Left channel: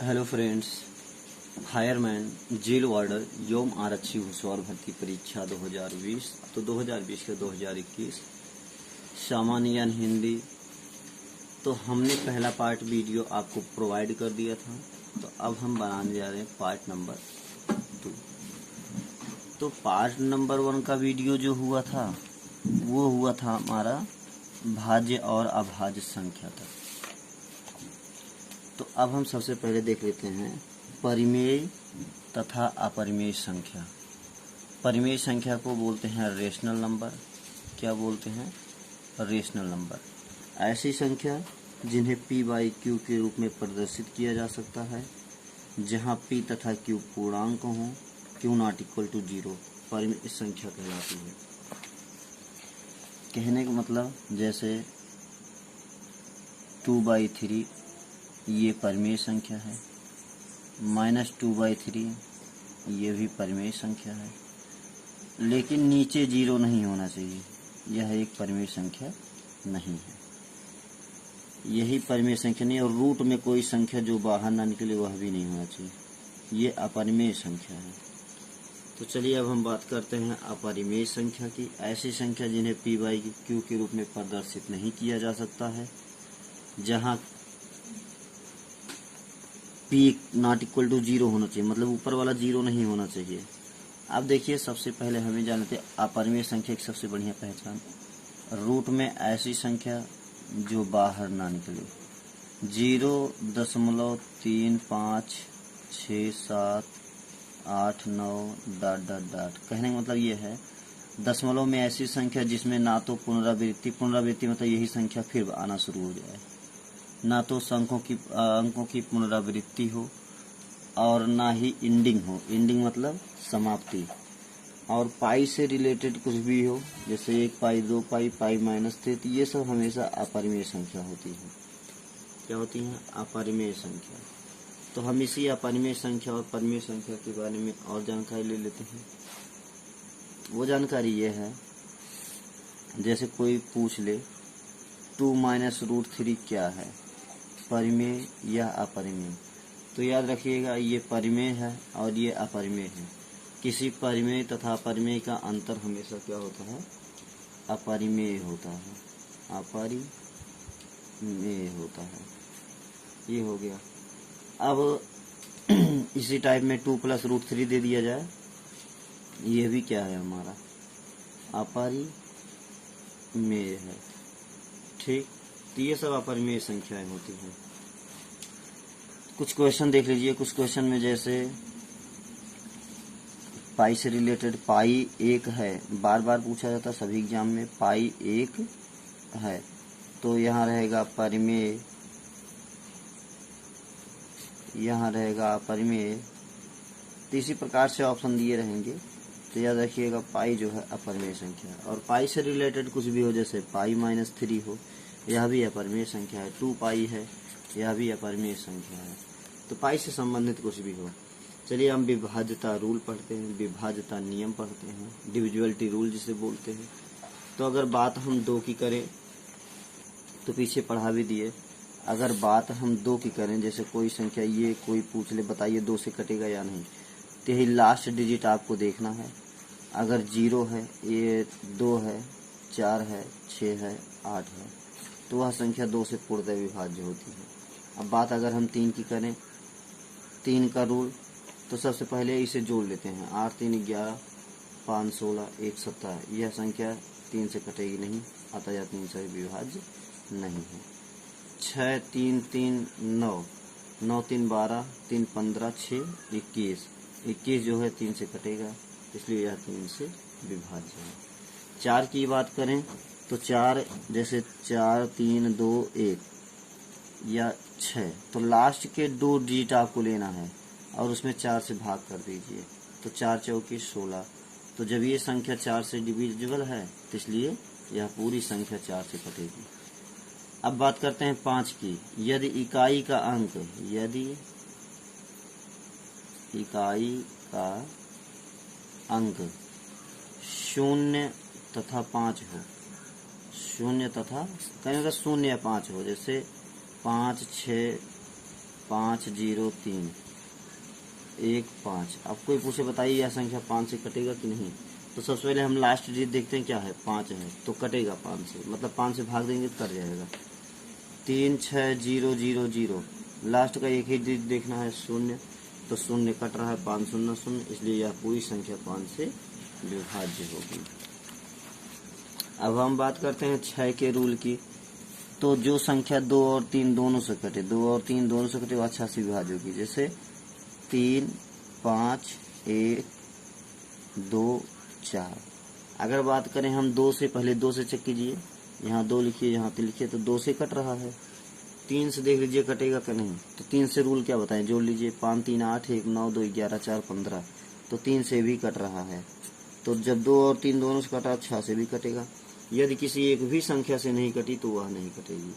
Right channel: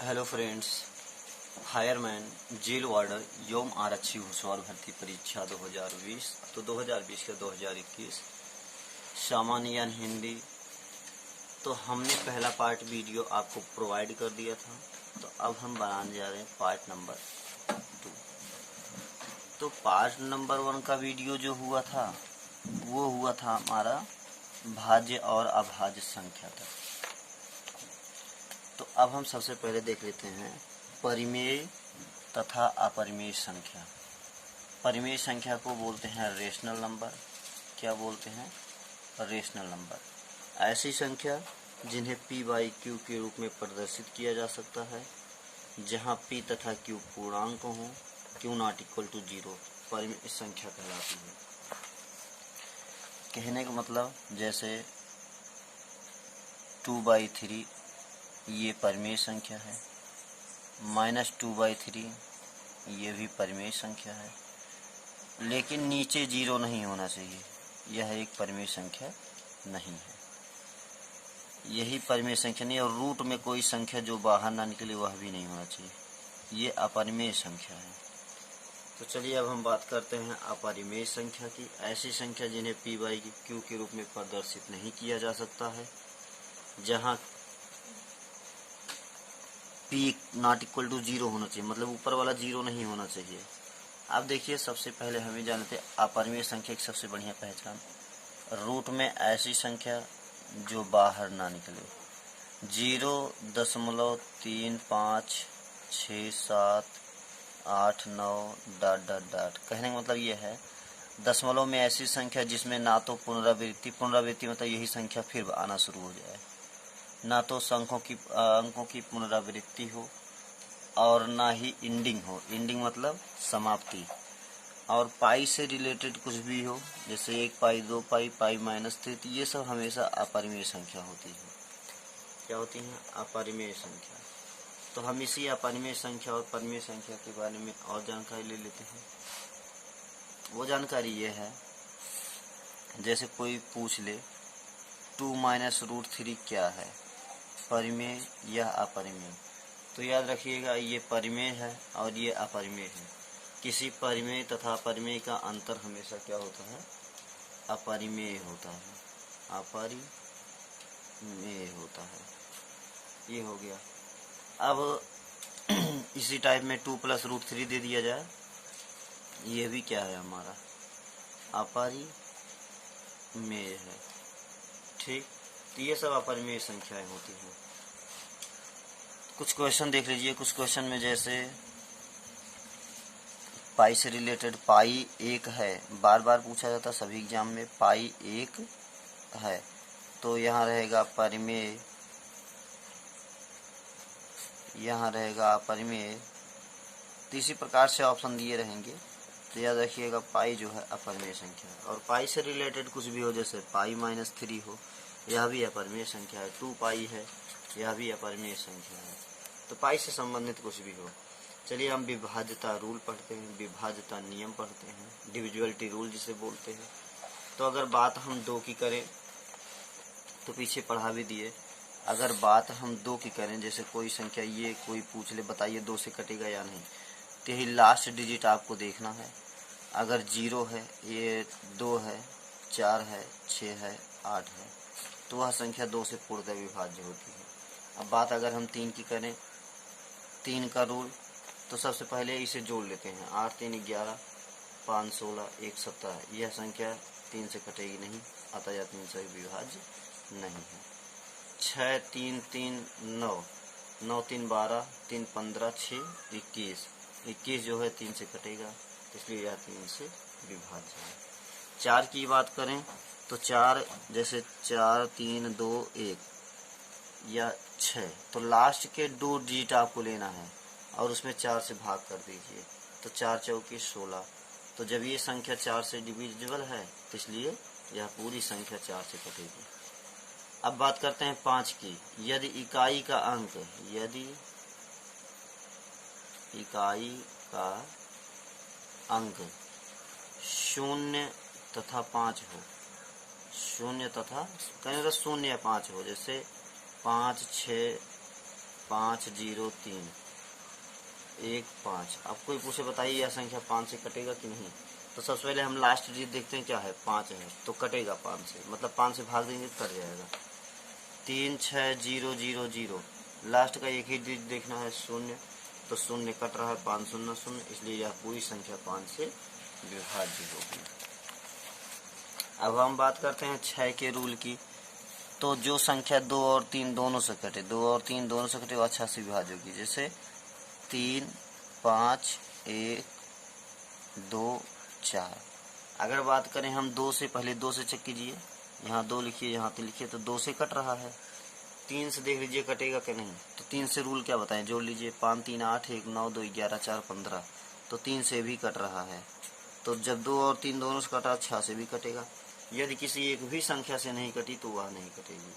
Hello friends. Fireman, jail warder, यौम आरक्षी हुसवार भर्ती परीक्षा 2020 तो 2020 का 2021 सामान्य ज्ञान हिंदी। तो हमने पहला पार्ट वीडियो आपको प्रोवाइड कर दिया था, तो अब हम बनाने जा रहे हैं पार्ट नंबर 2। तो पार्ट नंबर 1 का वीडियो जो हुआ था वो हुआ था हमारा भाज्य और अभाज्य संख्या तक। तो अब हम सबसे पहले देख लेते हैं परिमेय तथा अपरिमेय संख्या। परिमेय संख्या को बोलते हैं रेशनल नंबर। क्या बोलते हैं? Rational number. ऐसी संख्या जिन्हें p बाई क्यू के रूप में प्रदर्शित किया जा सकता है, जहां p तथा q पूर्णांक हों, q नॉट इक्वल टू 0 परिमेय संख्या कहलाती है। कहने का मतलब जैसे 2/3 ये परिमेय संख्या है, -2/3 ये भी परिमेय संख्या है, लेकिन नीचे 0 नहीं होना चाहिए। यह एक परिमेय संख्या नहीं है। यही परिमेय संख्या नहीं, और रूट में कोई संख्या जो बाहर ना निकले वह भी नहीं होना चाहिए। ये अपरिमेय संख्या है। तो चलिए अब हम बात करते हैं अपरिमेय संख्या की। ऐसी संख्या जिन्हें p बाई क्यू के रूप में प्रदर्शित नहीं किया जा सकता है, जहाँ p नॉट इक्वल टू 0 होना चाहिए, मतलब ऊपर वाला 0 नहीं होना चाहिए। अब देखिए, सबसे पहले हमें जानते हैं अपरिमेय संख्या की सबसे बढ़िया पहचान। रूट में ऐसी संख्या जो बाहर ना निकले। 0.35678 कहने का मतलब ये है, दशमलव में ऐसी संख्या जिसमें ना तो पुनरावृत्ति मतलब यही संख्या फिर आना शुरू हो जाए, ना तो अंकों की पुनरावृत्ति हो, और ना ही इंडिंग हो। इंडिंग मतलब समाप्ति। और पाई से रिलेटेड कुछ भी हो, जैसे 1 पाई, 2 पाई, पाई -3, तो ये सब हमेशा अपरिमेय संख्या होती है। क्या होती हैं? अपरिमेय संख्या। तो हम इसी अपरिमेय संख्या और परिमेय संख्या के बारे में और जानकारी ले लेते हैं। वो जानकारी ये है, जैसे कोई पूछ ले 2 - √3 क्या है, परिमेय या अपरिमेय? तो याद रखिएगा, ये परिमेय है और ये अपरिमेय है। किसी परिमेय तथा अपरिमेय का अंतर हमेशा क्या होता है? अपरिमेय होता है। अपरिमेय होता है। ये हो गया। अब इसी टाइप में 2 + √3 दे दिया जाए, ये भी क्या है? हमारा अपरिमेय है। ठीक, तो ये सब अपरिमेय संख्याएं होती हैं। कुछ क्वेश्चन देख लीजिए। कुछ क्वेश्चन में जैसे पाई से रिलेटेड पाई 1 है, बार बार पूछा जाता सभी एग्जाम में, पाई 1 है, तो यहाँ रहेगा परिमेय, यहाँ रहेगा अपरिमेय। तो इसी प्रकार से ऑप्शन दिए रहेंगे। तो याद रखिएगा, पाई जो है अपरिमेय संख्या है। और पाई से रिलेटेड कुछ भी हो, जैसे पाई -3 हो, यह भी अपरिमेय संख्या है। 2 पाई है, यह भी अपरिमेय संख्या है। तो पाई से संबंधित कुछ भी हो। चलिए हम विभाज्यता रूल पढ़ते हैं, विभाज्यता नियम पढ़ते हैं, डिविजिबिलिटी रूल जिसे बोलते हैं। तो अगर बात हम 2 की करें, तो पीछे पढ़ा भी दिए। अगर बात हम 2 की करें, जैसे कोई संख्या ये कोई पूछ ले, बताइए 2 से कटेगा या नहीं, तो यही लास्ट डिजिट आपको देखना है। अगर 0 है, ये 2 है, 4 है, 6 है, 8 है, तो वह संख्या 2 से पूर्णतः विभाज्य होती है। अब बात अगर हम 3 की करें, 3 का रूल, तो सबसे पहले इसे जोड़ लेते हैं। 8 3 11, 5 16, 1 17। यह संख्या 3 से कटेगी नहीं, अतः यह 3 से विभाज्य नहीं है। 6 3 3 9, 9 3 12, 3 15, 6 21, 21 जो है 3 से कटेगा, इसलिए यह 3 से विभाज्य है। 4 की बात करें तो 4, जैसे 4 3 2 1 या 6, तो लास्ट के 2 डिजिट आपको लेना है और उसमें 4 से भाग कर दीजिए, तो 4 चौके 16। तो जब ये संख्या 4 से डिविजिबल है, तो इसलिए यह पूरी संख्या 4 से कटेगी। अब बात करते हैं 5 की। यदि इकाई का अंक, यदि इकाई का अंक 0 तथा 5 हो, 0 तथा कहीं 0 या 5 हो, जैसे 5 6 503 15। अब कोई पूछे बताइए यह संख्या 5 से कटेगा कि नहीं, तो सबसे पहले हम लास्ट डिजिट देखते हैं क्या है, 5 है तो कटेगा 5 से, मतलब 5 से भाग देंगे तो कट जाएगा। 36000, लास्ट का एक ही डिजिट देखना है 0, तो 0 कट रहा है 500, इसलिए यह पूरी संख्या 5 से विभाज्य होगी। अब हम बात करते हैं 6 के रूल की। तो जो संख्या 2 और 3 दोनों से कटे, 2 और 3 दोनों से कटे वो 6 से विभाज्य होगी। जैसे 3 5 1 2 4। अगर बात करें हम 2 से, पहले 2 से चेक कीजिए, यहाँ 2 लिखिए, यहाँ पे लिखिए, तो 2 से कट रहा है। 3 से देख लीजिए कटेगा कि नहीं, तो 3 से रूल क्या बताएं, जोड़ लीजिए, 5 3 8 1 9 2 11 4 15, तो 3 से भी कट रहा है। तो जब 2 और 3 दोनों से कटा, 6 से भी कटेगा। यदि किसी एक भी संख्या से नहीं कटी तो वह नहीं कटेगी।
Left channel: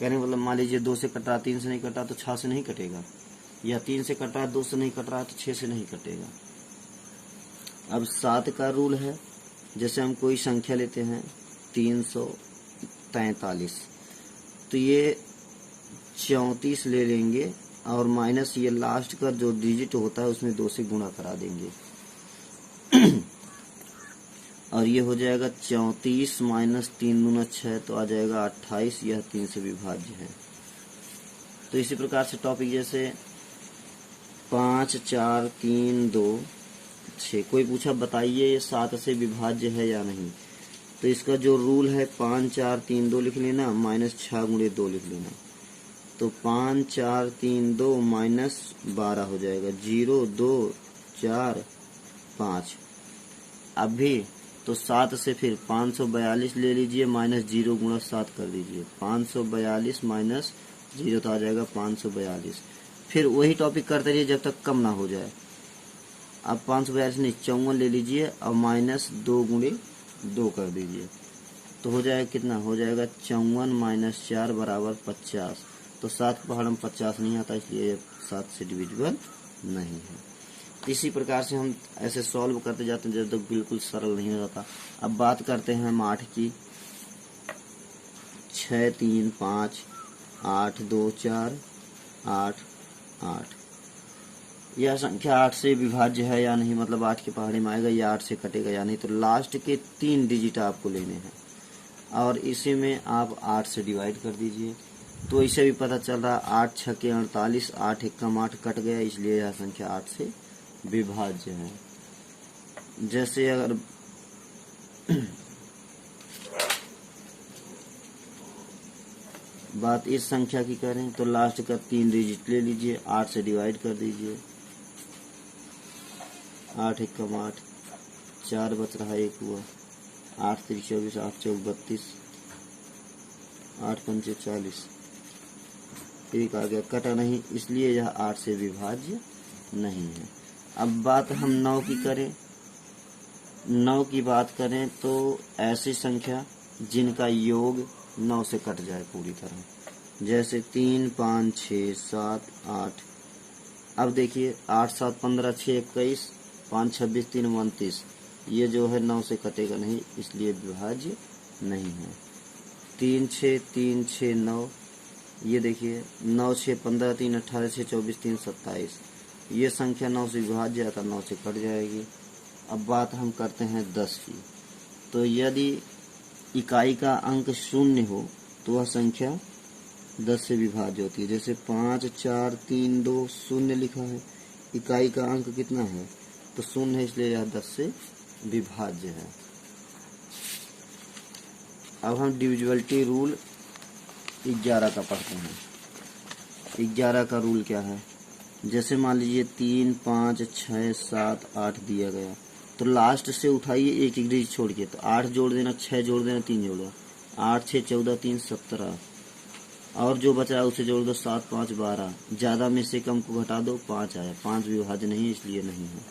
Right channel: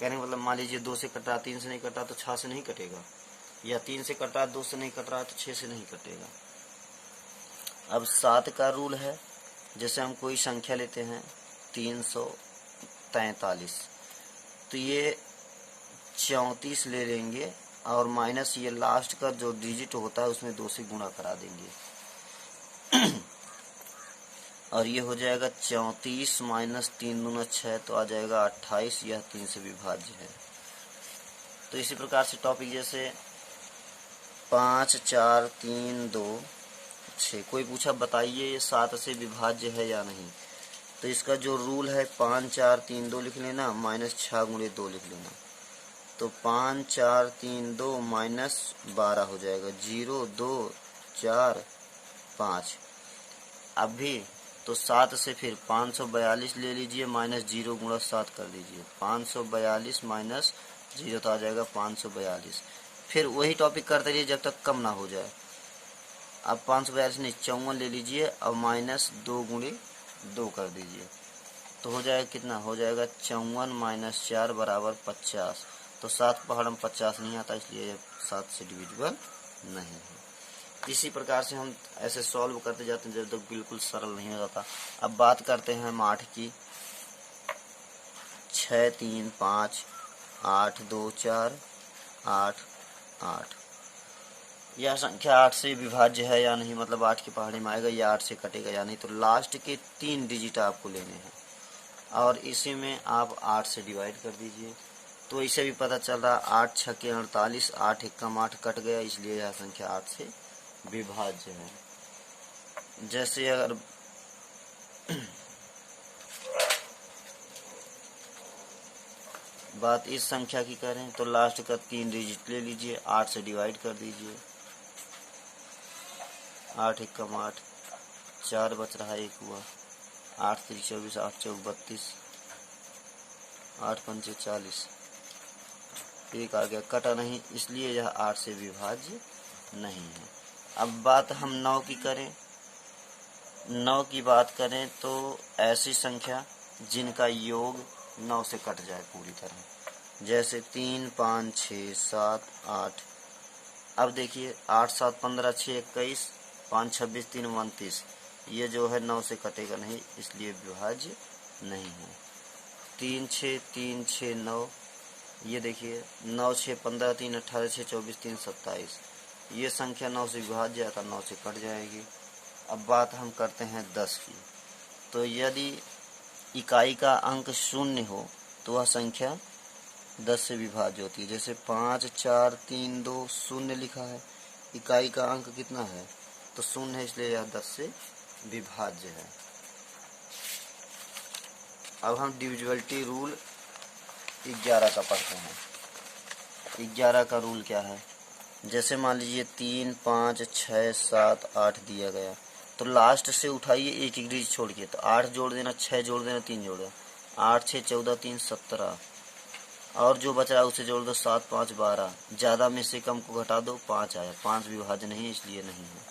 कहने मतलब मान लीजिए 2 से कट रहा, 3 से नहीं कटा तो 6 से नहीं कटेगा, या 3 से कट रहा 2 से नहीं कट रहा तो 6 से नहीं कटेगा। अब 7 का रूल है। जैसे हम कोई संख्या लेते हैं 343, तो ये 34 ले लेंगे और माइनस ये लास्ट का जो डिजिट होता है उसमें 2 से गुणा करा देंगे और ये हो जाएगा 34 माइनस 3 दूना 6, तो आ जाएगा 28। यह 3 से विभाज्य है। तो इसी प्रकार से टॉपिक जैसे 5 4 3 2 6, कोई पूछा बताइए ये 7 से विभाज्य है या नहीं, तो इसका जो रूल है 5 4 3 2 लिख लेना, माइनस 6 गुणे 2 लिख लेना, तो 5 4 3 2 माइनस 12 हो जाएगा, 0 2 4 5। अब भी तो 7 से फिर 542 ले लीजिए, माइनस 0 गुणा 7 कर दीजिए, 542 माइनस 0 तो आ जाएगा 542। फिर वही टॉपिक करते रहिए जब तक कम ना हो जाए। अब 542 नहीं 54 ले लीजिए और माइनस 2 गुणे 2 कर दीजिए, तो हो जाएगा कितना, हो जाएगा 54 माइनस 4 बराबर 50। तो 7 पहाड़ में 50 नहीं आता, इसलिए ये 7 से डिविजिबल नहीं है। इसी प्रकार से हम ऐसे सॉल्व करते जाते हैं जब तक बिल्कुल सरल नहीं हो जाता। अब बात करते हैं हम 8 की। 6 3 5 8 2 4 8 8। यह संख्या 8 से विभाज्य है या नहीं, मतलब 8 के पहाड़े में आएगा या 8 से कटेगा या नहीं, तो लास्ट के 3 डिजिट आपको लेने हैं और इसी में आप 8 से डिवाइड कर दीजिए। तो इसे भी पता चल रहा 8 6 के 48, 8 1 कम 8 कट गया, इसलिए यह संख्या 8 से विभाज्य है। जैसे अगर बात इस संख्या की करें तो लास्ट का 3 डिजिट ले लीजिए, 8 से डिवाइड कर दीजिए, 8 1 कम 8, 4 बच रहा 1 हुआ, 8 3 24, 8 4 32, 8 5 40, 1 आ गया, कटा नहीं, इसलिए यह 8 से विभाज्य नहीं है। अब बात हम 9 की करें। 9 की बात करें तो ऐसी संख्या जिनका योग 9 से कट जाए पूरी तरह, जैसे 3 5 6 7 8। अब देखिए 8 7 15 6 21, 5 26 3 29, ये जो है 9 से कटेगा नहीं, इसलिए विभाज्य नहीं है। 3 6 3 6 9, ये देखिए 9 6 15 3 18 6 24 3 27, ये संख्या 9 से विभाज्य है, 9 से कट जाएगी। अब बात हम करते हैं 10 की। तो यदि इकाई का अंक 0 हो तो वह संख्या 10 से विभाज्य होती है। जैसे 5 4 3 2 0 लिखा है, इकाई का अंक कितना है, तो 0 है, इसलिए यह 10 से विभाज्य है। अब हम डिविजिबिलिटी रूल 11 का पढ़ते हैं। 11 का रूल क्या है, जैसे मान लीजिए 3 5 6 7 8 दिया गया, तो लास्ट से उठाइए एक एक डिजिट छोड़ के, तो 8 जोड़ देना, 6 जोड़ देना, 3 जोड़ देना, 8 6 14 3 17, और जो बचा है उसे जोड़ दो, 7 5 12, ज़्यादा में से कम को घटा दो, 5 आया, 5 विभाज्य नहीं, इसलिए नहीं है।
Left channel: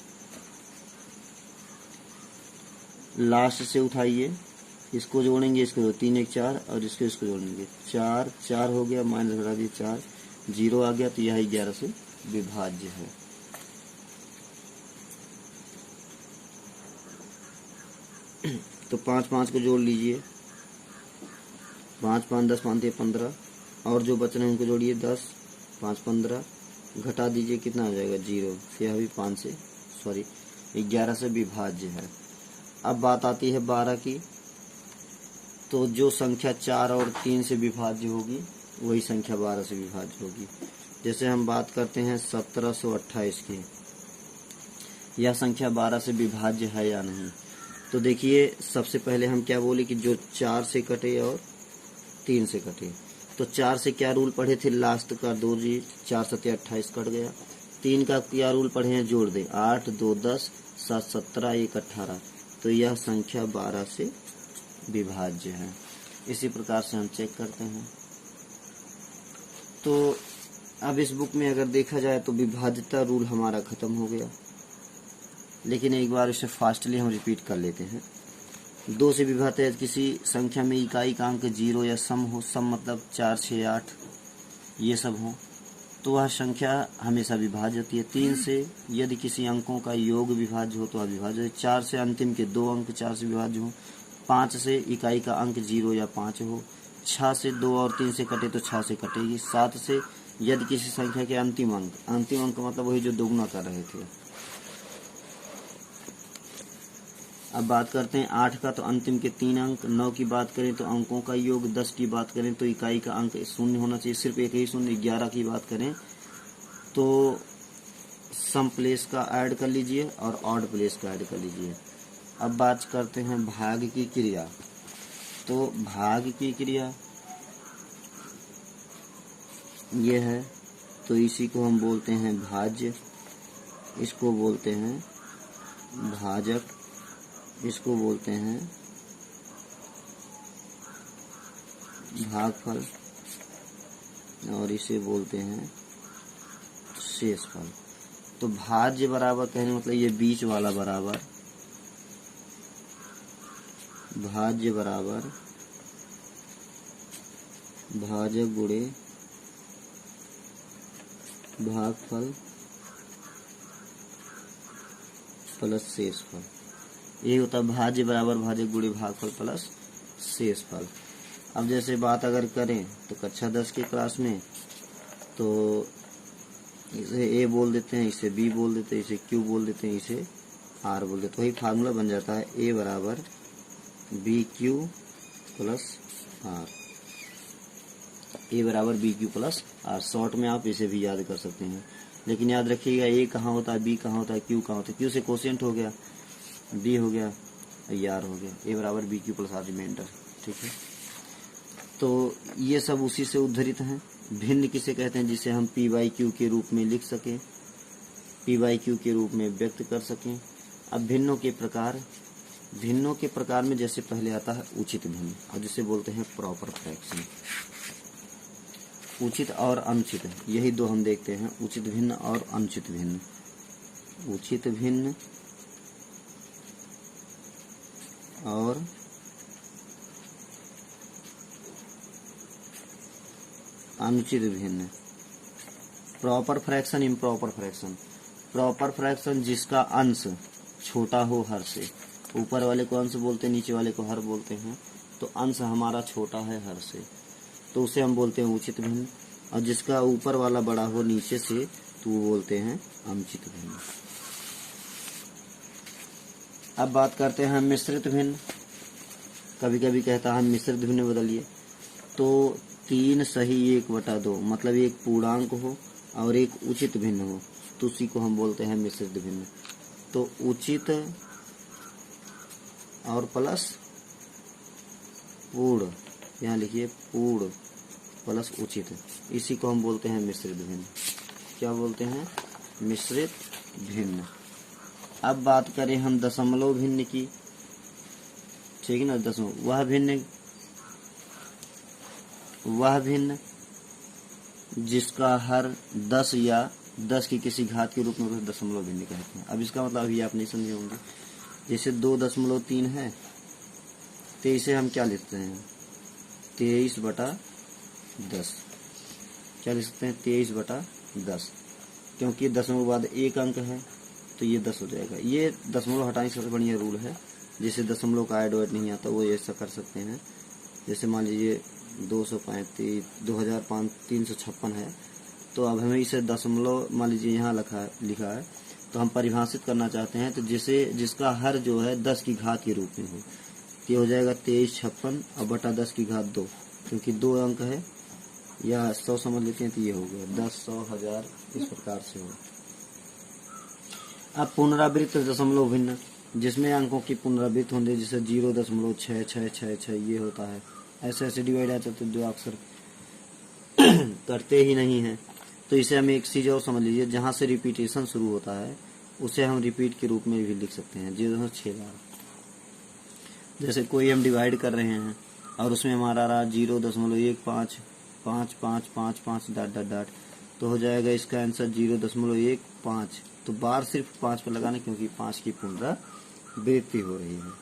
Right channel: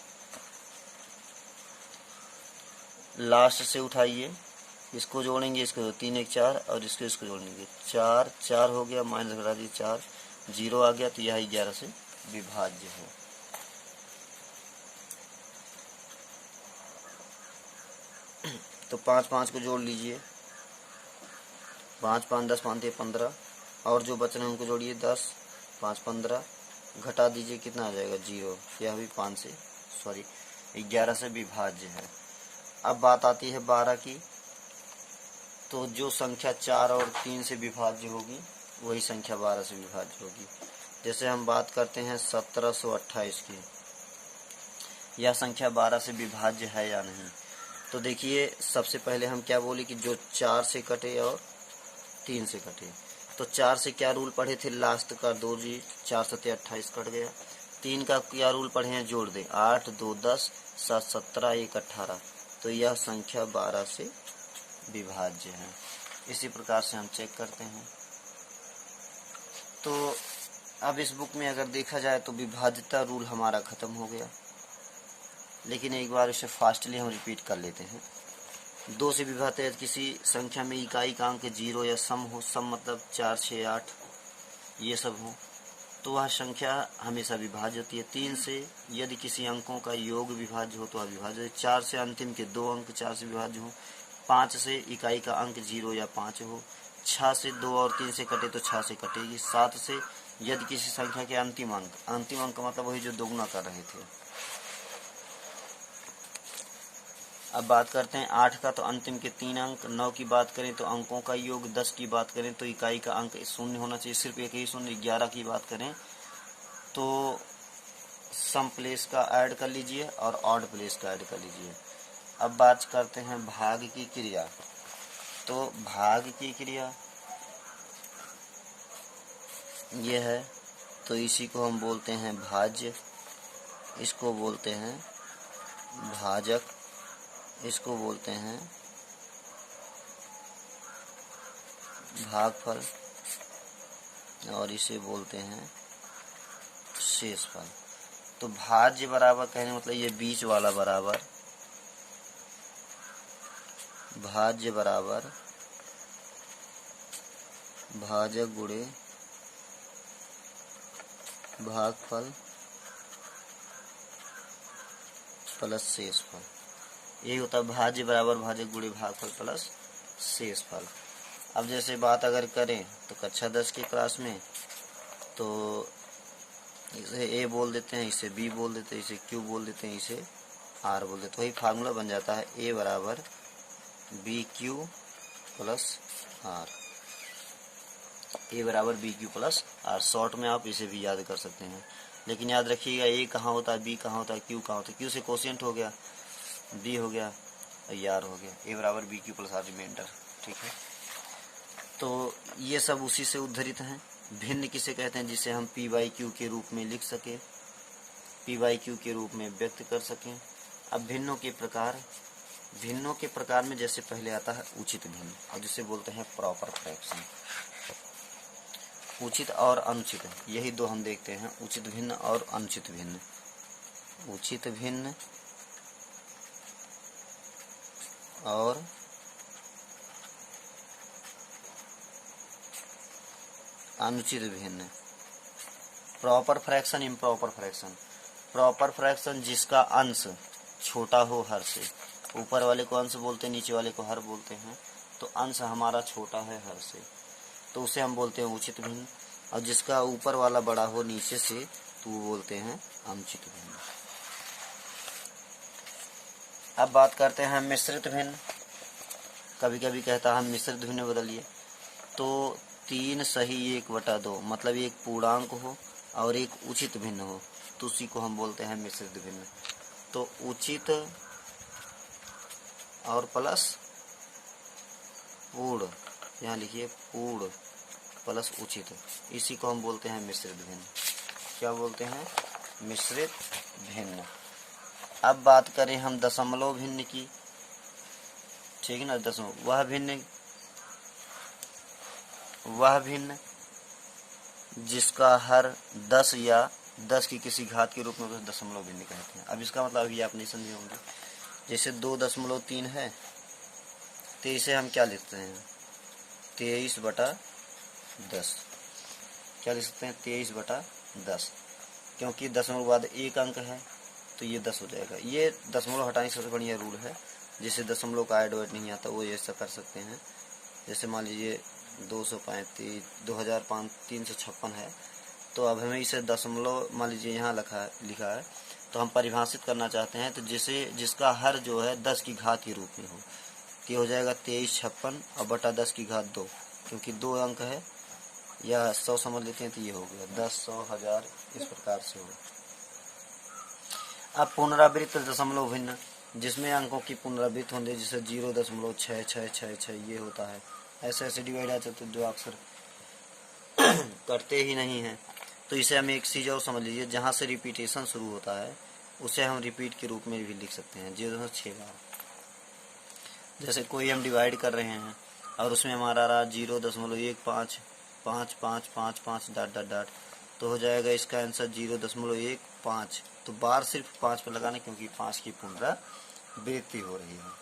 लास्ट से उठाइए, इसको जोड़ेंगे, इसको 3 1 4 और इसको जोड़ेंगे, 4 4 हो गया, माइनस घटा दिए 4, 0 आ गया, तो यह 11 से विभाज्य है। तो 5 5 को जोड़ लीजिए, 5 5 10 5 15, और जो बच रहे हैं उनको जोड़िए 10, 5 15 घटा दीजिए, कितना आ जाएगा 0। यह भी 5 से 11 से विभाज्य है। अब बात आती है 12 की, तो जो संख्या 4 और 3 से विभाज्य होगी वही संख्या 12 से विभाज्य होगी। जैसे हम बात करते हैं 1728 की, यह संख्या 12 से विभाज्य है या नहीं। तो देखिए सबसे पहले हम क्या बोले कि जो 4 से कटे और 3 से कटे, तो 4 से क्या रूल पढ़े थे, लास्ट का 2 जी, 4 7 28 कट गया। 3 का क्या रूल पढ़े हैं, जोड़ दे, 8 2 10 7 17 1 18, तो यह संख्या 12 से विभाज्य है। इसी प्रकार से हम चेक करते हैं। तो अब इस बुक में अगर देखा जाए तो विभाज्यता रूल हमारा खत्म हो गया, लेकिन एक बार इसे फास्टली हम रिपीट कर लेते हैं। 2 से विभाज्य है किसी संख्या में इकाई का अंक 0 या सम हो, सम मतलब 4 6 8 ये सब हो, तो वह संख्या हमेशा विभाज्य होती है। 3 से यदि किसी अंकों का योग विभाज्य हो तो वह विभाज्य है। 4 से अंतिम के 2 अंक 4 से विभाज्य हो। 5 से इकाई का अंक 0 या 5 हो। 6 से 2 और 3 से कटे तो 6 से कटेगी। 7 से यदि किसी संख्या के अंतिम अंक मतलब वही जो दोगुना कर रहे थे। अब बात करते हैं 8 का, तो अंतिम के 3 अंक। 9 की बात करें तो अंकों का योग। 10 की बात करें तो इकाई का अंक 0 होना चाहिए, सिर्फ एक ही 0। 11 की बात करें तो सम प्लेस का ऐड कर लीजिए और ऑड प्लेस का ऐड कर लीजिए। अब बात करते हैं भाग की क्रिया। तो भाग की क्रिया ये है, तो इसी को हम बोलते हैं भाज्य, इसको बोलते हैं भाजक, इसको बोलते हैं भागफल और इसे बोलते हैं शेषफल। तो भाज्य बराबर कहने मतलब ये बीच वाला बराबर, भाज्य बराबर भाजक गुणे भागफल प्लस शेषफल, यही होता है भाज्य बराबर भाजक गुणे भागफल प्लस शेषफल। अब जैसे बात अगर करें तो कक्षा 10 की क्लास में, तो इसे ए बोल देते हैं, इसे बी बोल देते हैं, इसे क्यू बोल देते हैं, इसे आर बोल देते हैं। वही फार्मूला बन जाता है ए बराबर B Q plus R, A बराबर B Q plus R. Short में आप इसे भी याद कर सकते हैं, लेकिन याद रखिएगा ए कहाँ होता है, बी कहाँ होता है, क्यू कहाँ होता है। क्यू से कोशेंट हो गया, बी हो गया और आर हो गया। ए बराबर B Q plus R remainder, ठीक है। तो ये सब उसी से उद्धृत हैं। भिन्न किसे कहते हैं, जिसे हम पी बाई क्यू के रूप में लिख सकें, पी बाई क्यू के रूप में व्यक्त कर सकें। अब भिन्नों के प्रकार में जैसे पहले आता है उचित भिन्न, और जिसे बोलते हैं प्रॉपर फ्रैक्शन। उचित और अनुचित, यही दो हम देखते हैं, उचित भिन्न और अनुचित भिन्न। उचित भिन्न और अनुचित भिन्न। Proper fraction, improper fraction. Proper fraction जिसका अंश छोटा हो हर से, ऊपर वाले को अंश बोलते हैं, नीचे वाले को हर बोलते हैं, तो अंश हमारा छोटा है हर से, तो उसे हम बोलते हैं उचित भिन्न। और जिसका ऊपर वाला बड़ा हो नीचे से, तो वो बोलते हैं अनुचित भिन्न। अब बात करते हैं मिश्रित भिन्न। कभी कभी कहता है हम मिश्रित भिन्न बदलिए, तो 3 सही 1/2, मतलब एक पूर्णांक हो और एक उचित भिन्न हो, तो उसी को हम बोलते हैं मिश्रित भिन्न। तो उचित और प्लस पूर्ण, यहाँ लिखिए पूर्ण प्लस उचित, इसी को हम बोलते हैं मिश्रित भिन्न। क्या बोलते हैं, मिश्रित भिन्न। अब बात करें हम दशमलव भिन्न की, ठीक है ना। दशमलव वह भिन्न जिसका हर 10 या 10 की किसी घात के रूप में उसे दशमलव भिन्न कहते हैं। अब इसका मतलब अभी आप नहीं समझे होंगे। जैसे 2.3 है, तो इसे हम क्या लिखते हैं, 23/10। क्या लिख सकते हैं, 23/10, क्योंकि दशमलव बाद एक अंक है तो ये 10 हो जाएगा। ये दशमलव हटाने से बढ़िया रूल है, जिससे दशमलव का ऐड वेड नहीं आता, वो ऐसा कर सकते हैं। जैसे मान लीजिए 235 356 है, तो अब हमें इसे दशमलव मान लीजिए यहाँ लिखा है तो हम परिभाषित करना चाहते हैं तो जिसका हर जो है 10 की घात के रूप में हो, ये हो जाएगा 2356 और बटा 10 की घात 2, क्योंकि 2 अंक है या 100 समझ लेते हैं तो ये हो गया 10, 100, 1000 इस प्रकार से हो। अब पुनरावृत्त दशमलव भिन्न, जिसमें अंकों की पुनरावृत्ति होंगे, जैसे 0.6666 ये होता है, ऐसे ऐसे डिवाइड आते तो जो अक्सर करते ही नहीं हैं। तो इसे हम एक चीज़ और समझ लीजिए, जहाँ से रिपीटेशन शुरू होता है उसे हम रिपीट के रूप में भी लिख सकते हैं 0.6000। जैसे कोई हम डिवाइड कर रहे हैं और उसमें हमारा रहा 0.155555 डॉट डॉट डॉट, तो हो जाएगा इसका आंसर 0.15। तो बार सिर्फ 5 पर लगाना, क्योंकि 5 की पुनरावृत्ति हो रही है।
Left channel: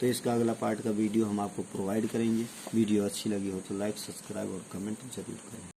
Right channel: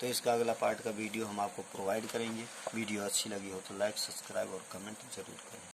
तो इसका अगला पार्ट का वीडियो हम आपको प्रोवाइड करेंगे। वीडियो अच्छी लगी हो तो लाइक, सब्सक्राइब और कमेंट जरूर करें।